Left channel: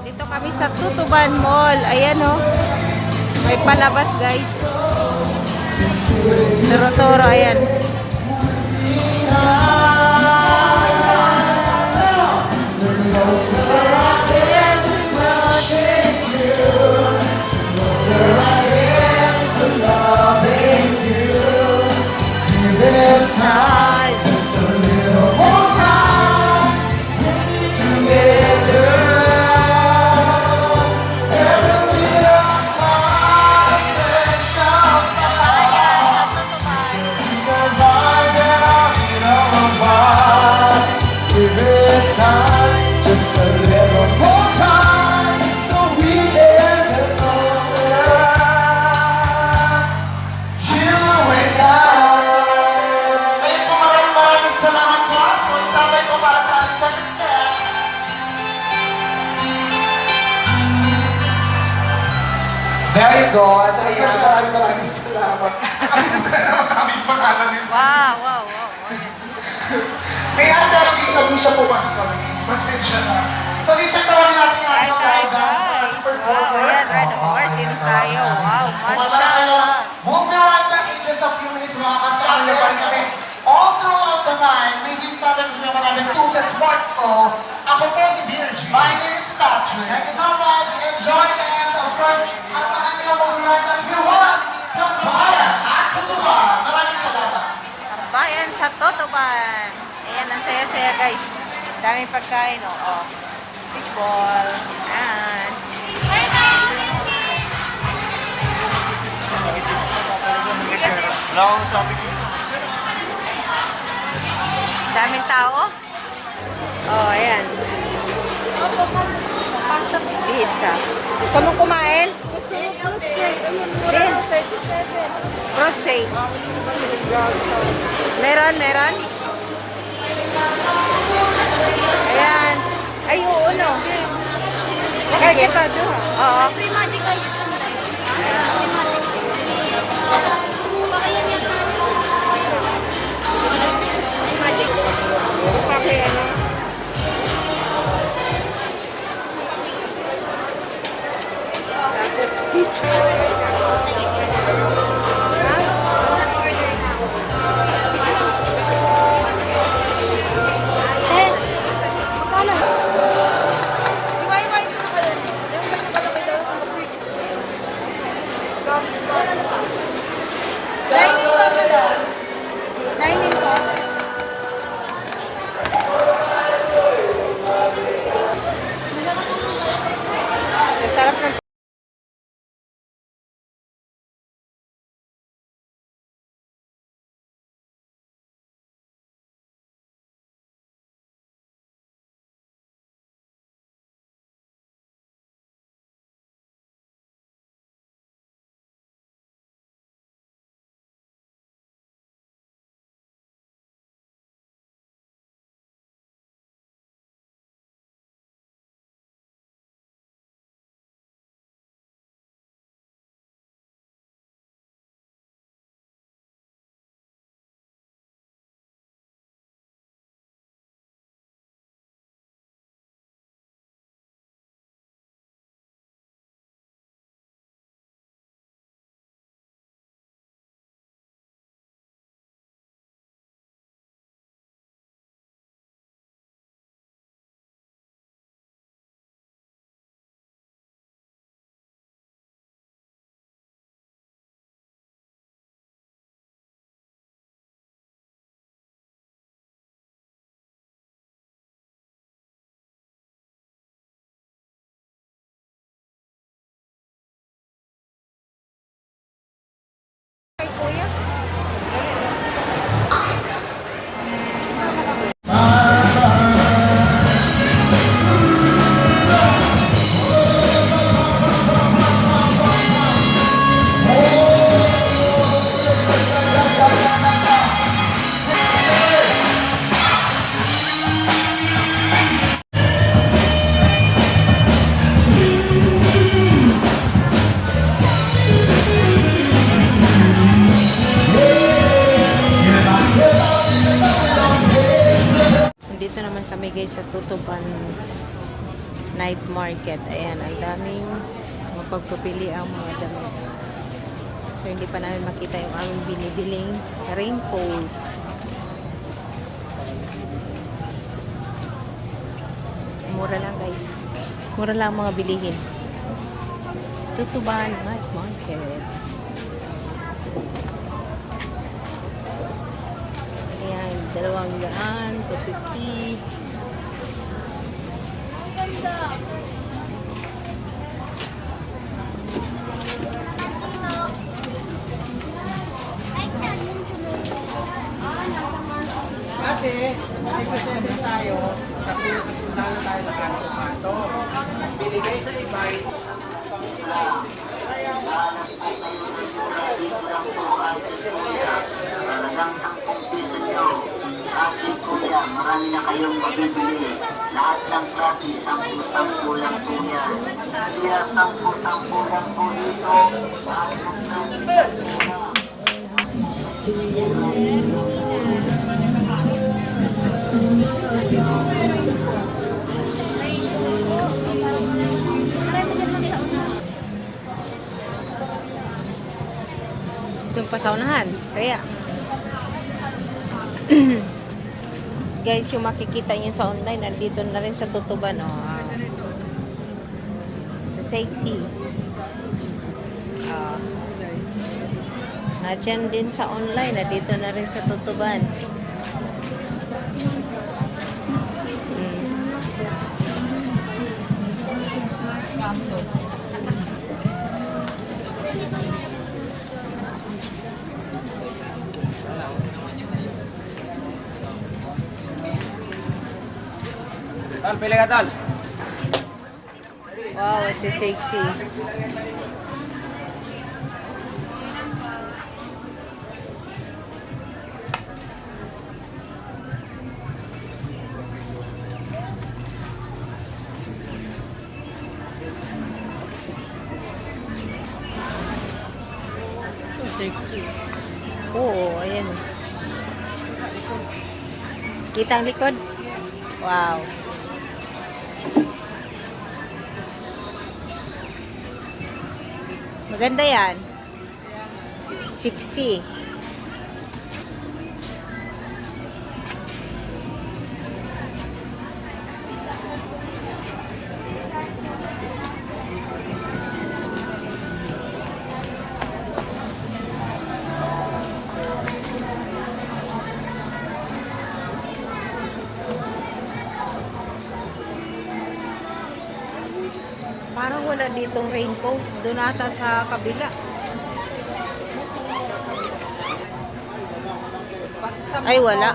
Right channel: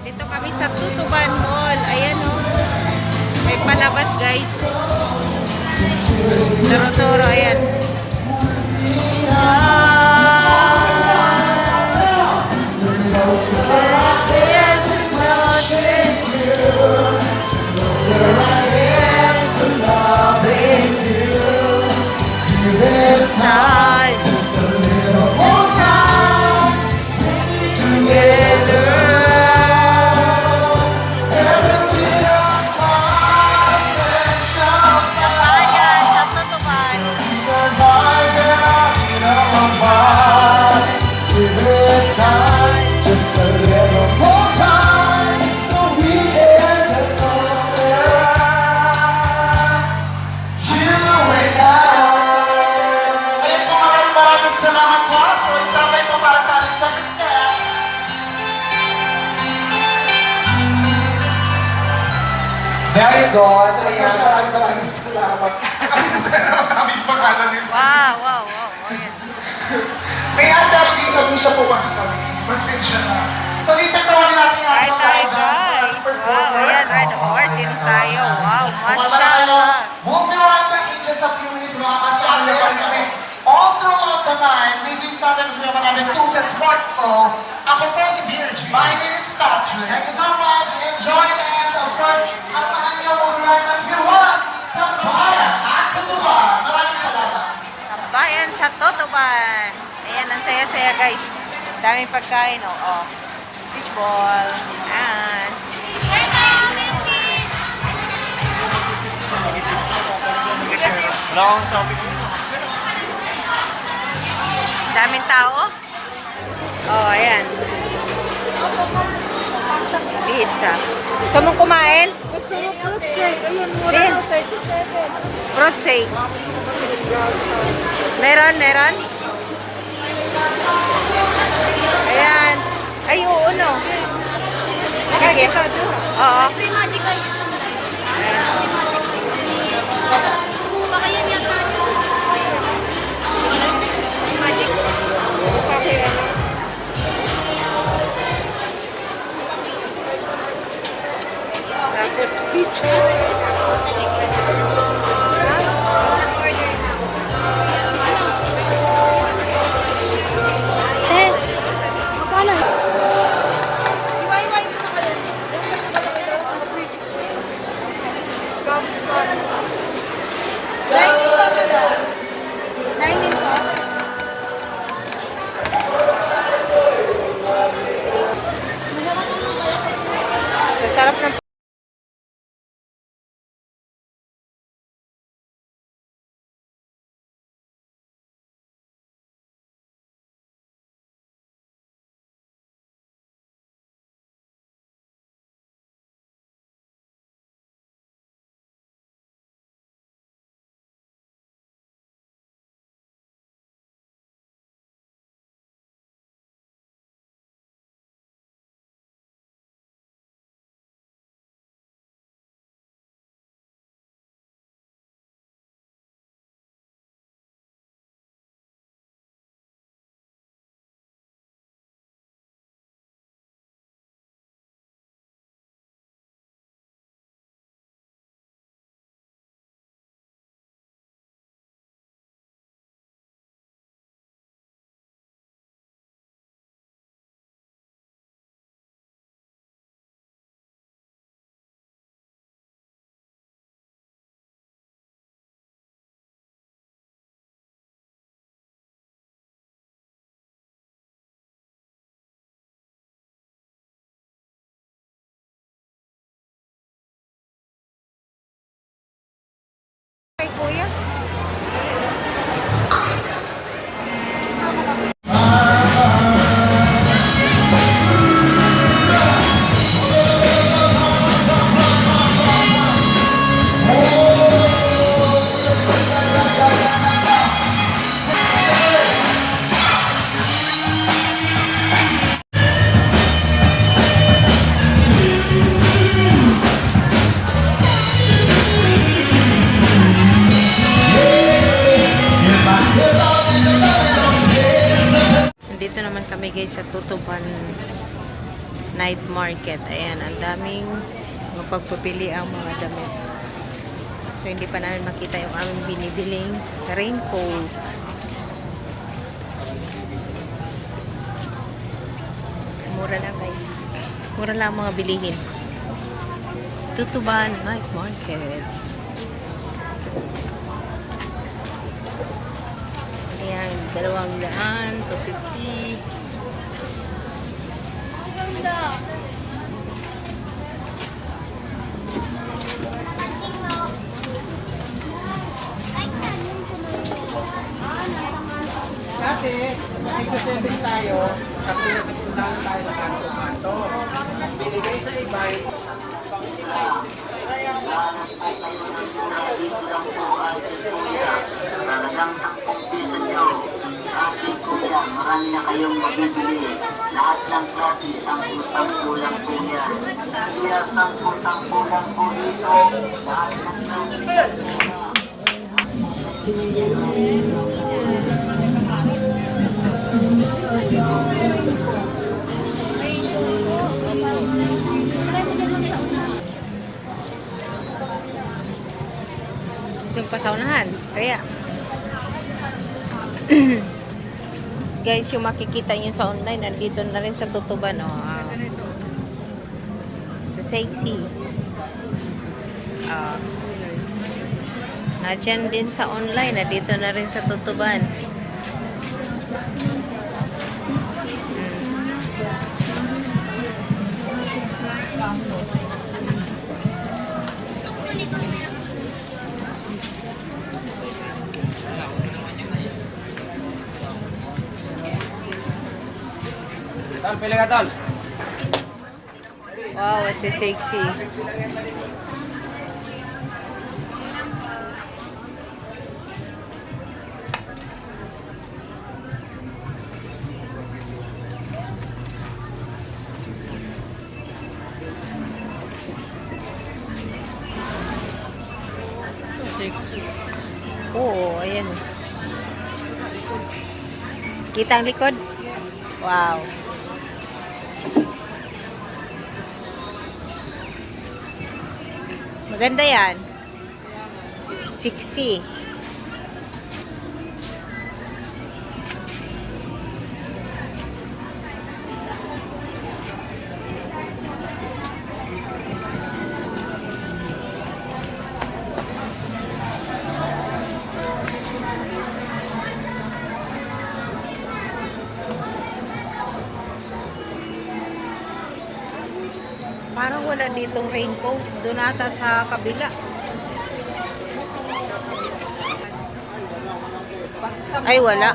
Dito kami sa Tutuban Mall. Ayan o. May palabas guys. Toro-toro. Ayan. Very good. Ayan, maraming salamat. Maraming pangalan nito. Wow, wow, wow. Ayan. May other interview siya po kasi kami. Mas siya na. So, isang tawagin natin ang Hi, hi guys. Wow, ayan. Red horse. Yun tayo. Wow, mashallah. Moving on back in just a few minutes, mga kasama kami. All throughout the night, this is sometimes we have another 2 sets part of. Ako po si Virgin. My name is Patrick. Thank you so much. Enjoy and first, at sa kanya mo ng viewers, Tambayan at Tutuban. Maraming salamat. Tambayan sa Tutuban. Ayan, ang saya-saya guys. Daming pagkain, oh. Oh. Fishball. Ayan. Daming tao. Oh, ayan. Pizza. Gusto mong kumain? Din. Fruit shake. Meron, meron. Ayan. Ay, oo, no. Sige. Oo. Sa sarap ng kay kuya. night market. Ayan, ang daming mapagpapili ang mga damit. So, hindi pa namin makita yung aming binibiling raincoat. Mura lang, guys. Mura lang ang mga bilihin. Tutuban Night Market. Ayan, 200, 250. Dati, nag-7 tayo, kasi nagpuntahan na tayo ng kanto-kanto. Binigay sa iba, marami na kayong mabibili. Lahat ng klase, ang isang kulang po yan. Kaya ang kulang po dito. Yung pasaunahan. Kaya, guys, yung makikita nyo sa online, nandito na rin sa Tutuban, oh. Sa Sexy. Nadyan din sa online, nandito na rin sa Tutuban. Tal, pili ka, Tal. Wow, si Sexy. Sexy. Oo, ayan. Kita ang likod? Wow. Maganda yan. Sexy. Parang wala ditong raincoat. Doon ata sa kabila. Ay, wala.